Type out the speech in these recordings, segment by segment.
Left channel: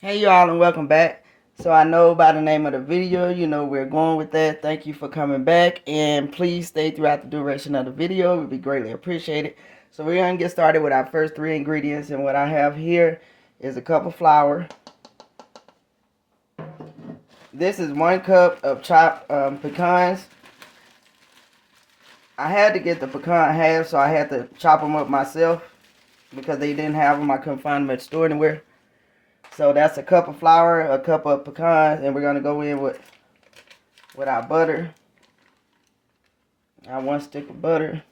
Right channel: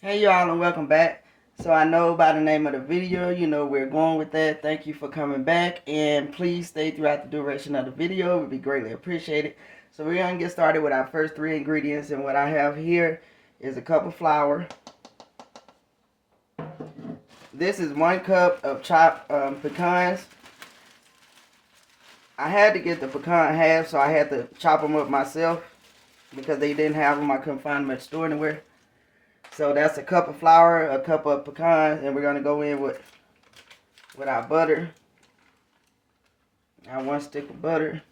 Hey y'all, and welcome back. So I know by the name of the video, you know we're going with that. Thank you for coming back, and please stay throughout the duration of the video. It would be greatly appreciated. So we're going to get started with our first three ingredients, and what I have here is a cup of flour. This is 1 cup of chopped pecans. I had to get the pecan half, so I had to chop them up myself because they didn't have them. I couldn't find them at the store anywhere. So that's a cup of flour, a cup of pecans, and we're going to go in with our butter. Our 1 stick of butter.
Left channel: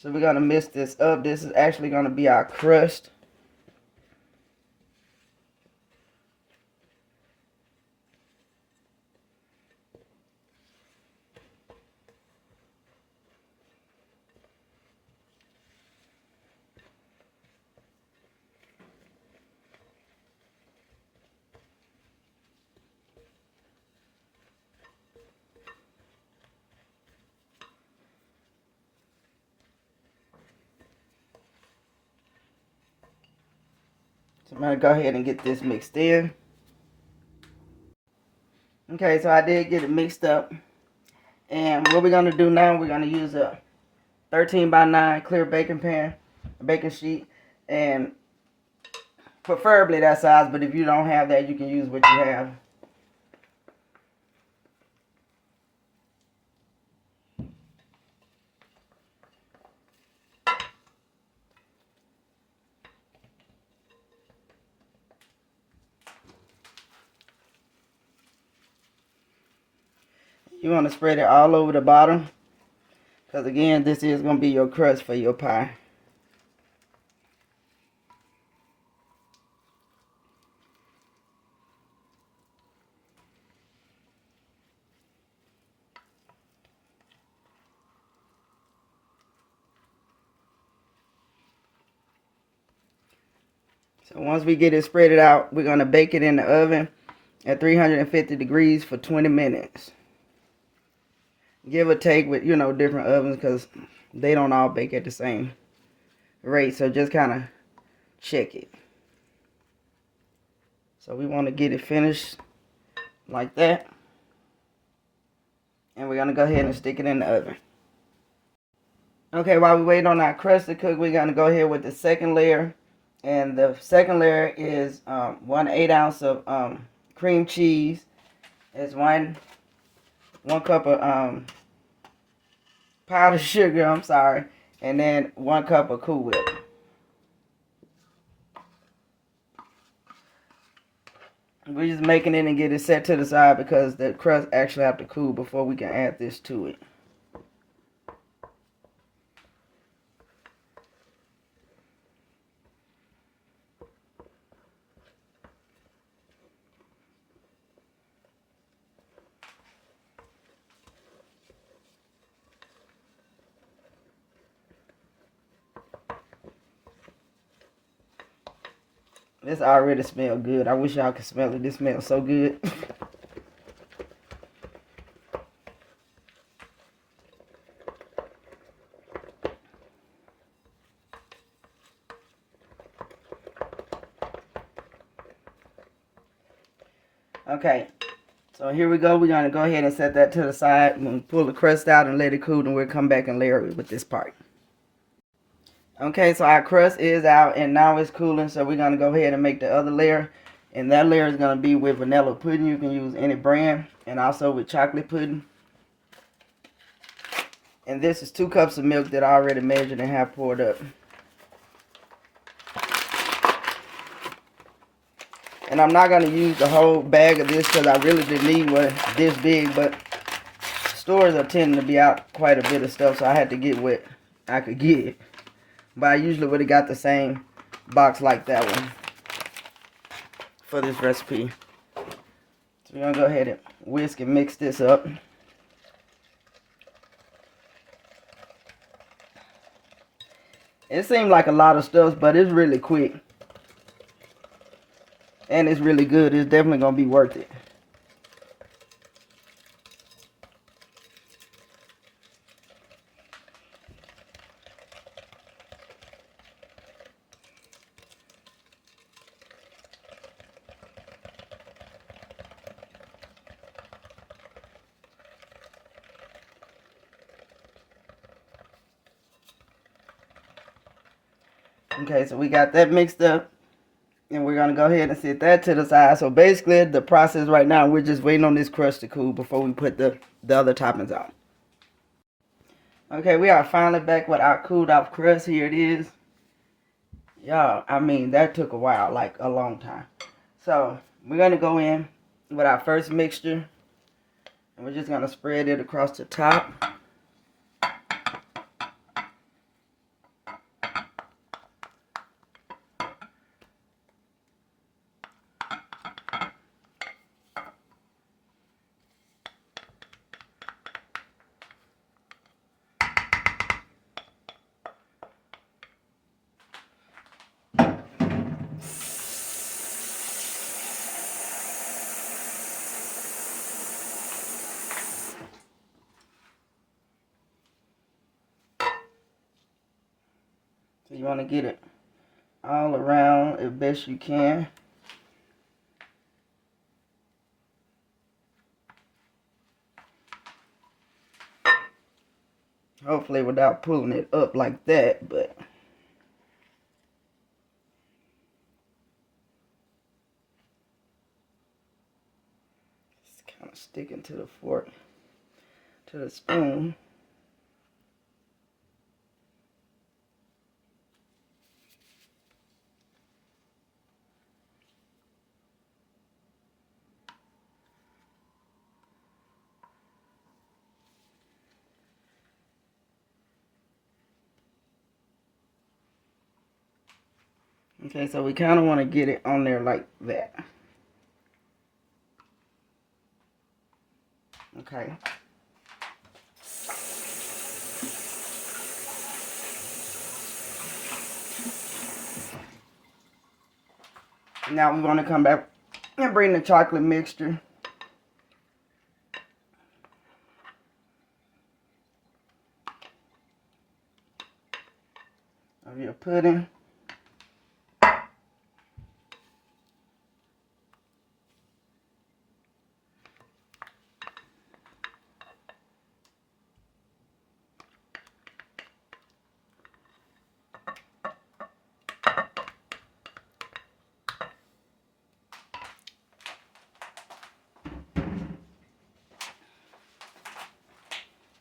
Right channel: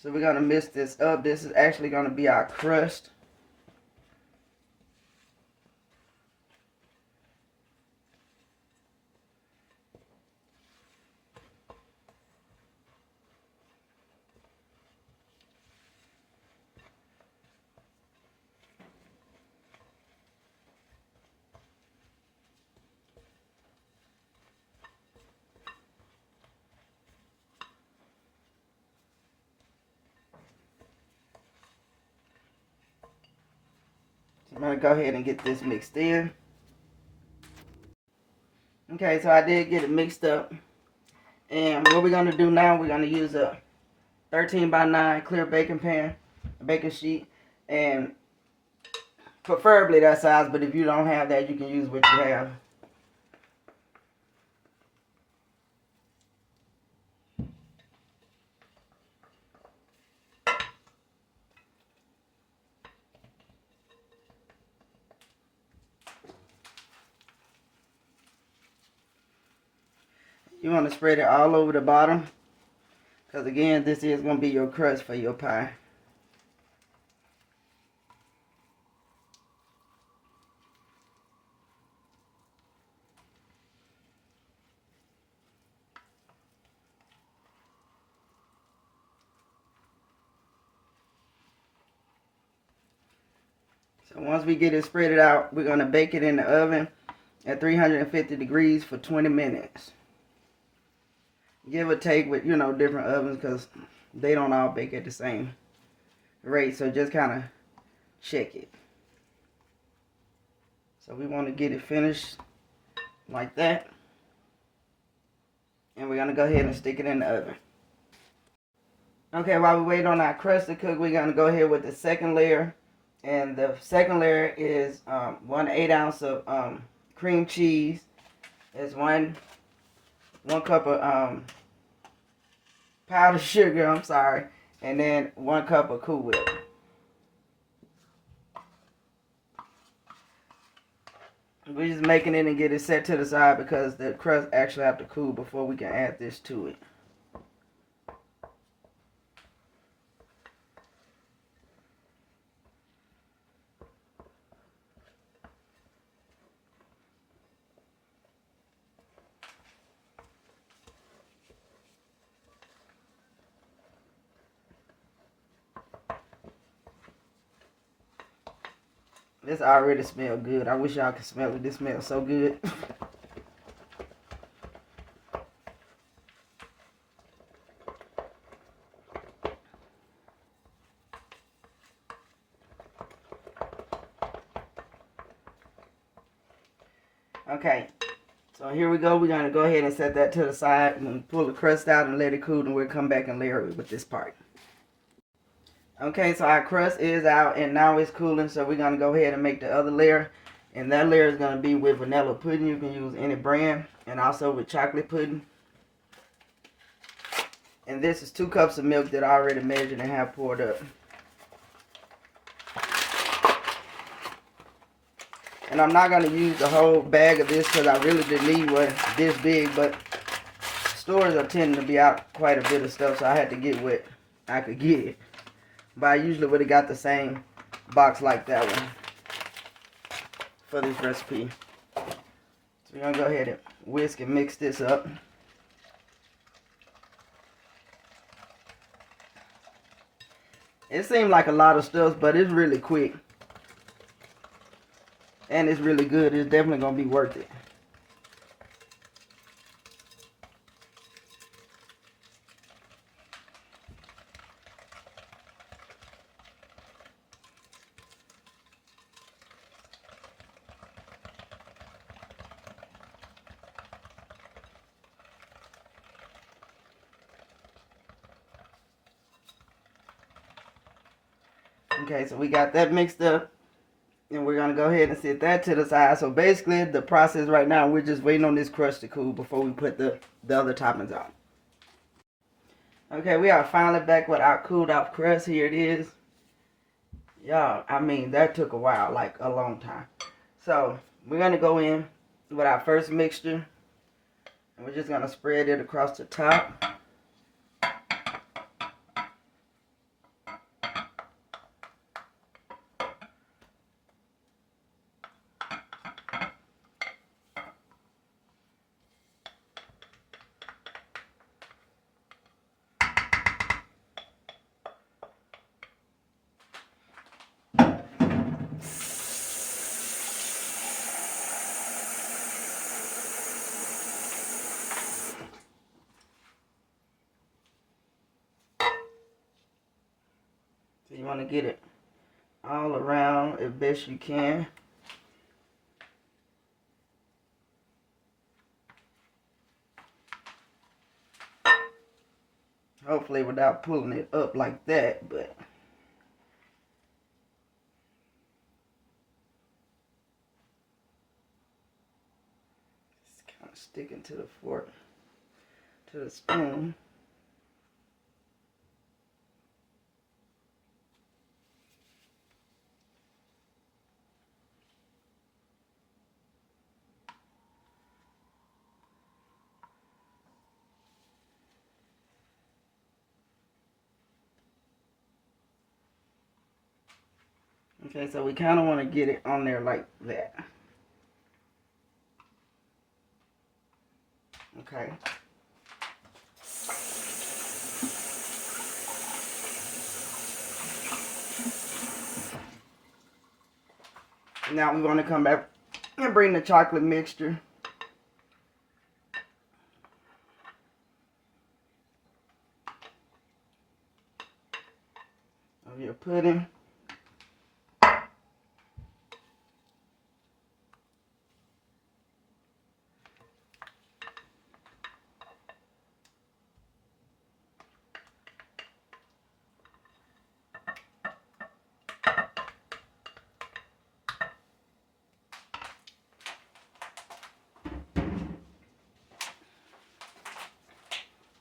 So we're going to mix this up. This is actually going to be our crust. So I'm going to go ahead and get this mixed in. Okay, so I did get it mixed up. And what we're going to do now, we're going to use a 13 by 9 clear baking pan, a baking sheet, and preferably that size, but if you don't have that, you can use what you have. You want to spread it all over the bottom, because again, this is going to be your crust for your pie. So once we get it spread out, we're going to bake it in the oven at 350 degrees for 20 minutes. Give or take with, different ovens, because they don't all bake at the same rate. So just kind of check it. So we want to get it finished like that. And we're going to go ahead and stick it in the oven. Okay, while we wait on our crust to cook, we're going to go ahead with the second layer. And the second layer is 1/8 ounce of cream cheese. It's one cup of powdered sugar, I'm sorry, and then 1 cup of Cool Whip. We're just making it and get it set to the side because the crust actually have to cool before we can add this to it. This already smells good. I wish y'all could smell it. This smells so good. Okay, so here we go. We're going to go ahead and set that to the side and pull the crust out and let it cool, and we'll come back and layer it with this part. Okay, so our crust is out and now it's cooling, so we're going to go ahead and make the other layer. And that layer is going to be with vanilla pudding. You can use any brand, and also with chocolate pudding. And this is 2 cups of milk that I already measured and have poured up. And I'm not going to use the whole bag of this because I really didn't need one this big, but stores are tending to be out quite a bit of stuff, so I had to get what I could get. But I usually would have got the same box like that one for this recipe. So we're going to go ahead and whisk and mix this up. It seems like a lot of stuff, but it's really quick. And it's really good. It's definitely going to be worth it. Okay, so we got that mixed up. And we're going to go ahead and set that to the side. So basically, the process right now, we're just waiting on this crust to cool before we put the other toppings on. Okay, we are finally back with our cooled off crust. Here it is. Y'all, I mean, that took a while, like a long time. So, we're going to go in with our first mixture. And we're just going to spread it across the top. So you want to get it all around as best you can. Hopefully without pulling it up like that, but it's kind of sticking to the fork, to the spoon. Okay, so we kind of want to get it on there like that. Okay. Now we want to come back and bring the chocolate mixture. Of your pudding.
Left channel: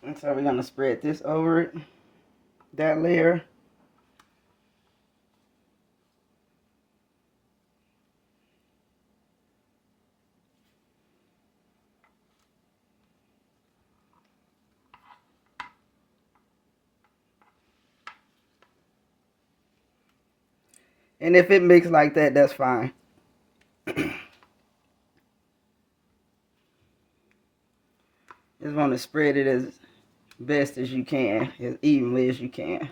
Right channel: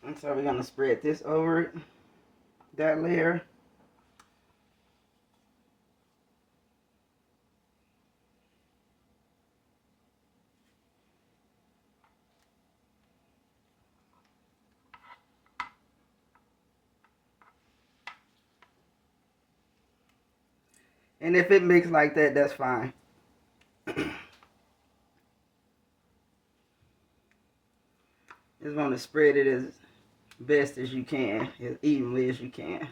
And so we're going to spread this over it, that layer. And if it mixes like that, that's fine. Just want to spread it as best as you can, as evenly as you can.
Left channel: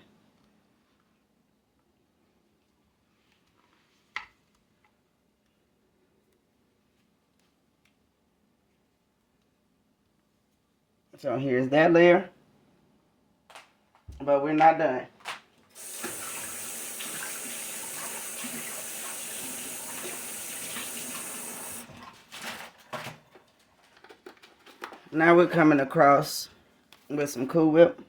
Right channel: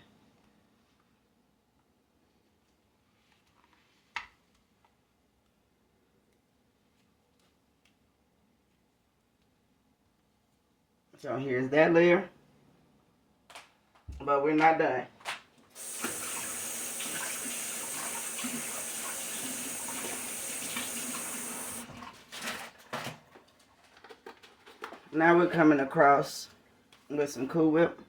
So here's that layer. But we're not done. Now we're coming across with some Cool Whip.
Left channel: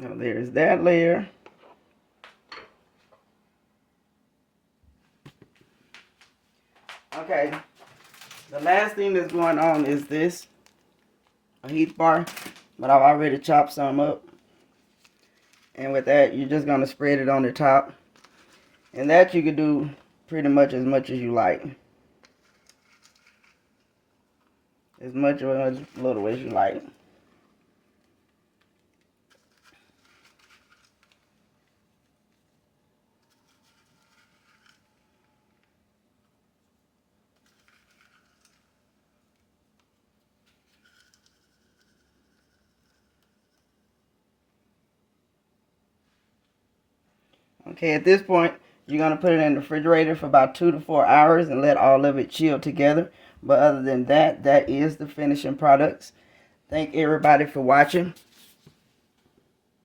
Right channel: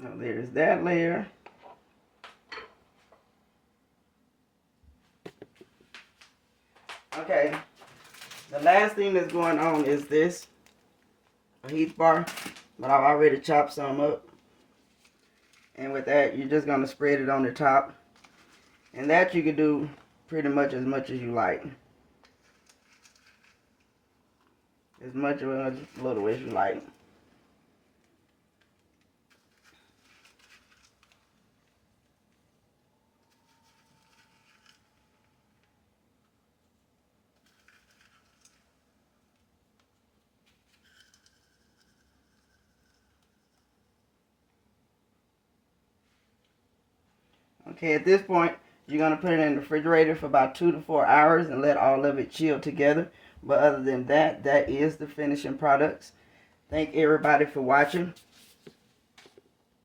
Now there's that layer. Okay, the last thing that's going on is this, a heat bar, but I've already chopped some up. And with that, you're just going to spread it on the top. And that you can do pretty much as you like. As much or as little as you like. Okay, at this point, you're going to put it in the refrigerator for about 2 to 4 hours and let all of it chill together. But other than that, that is the finishing products. Thank everybody for watching.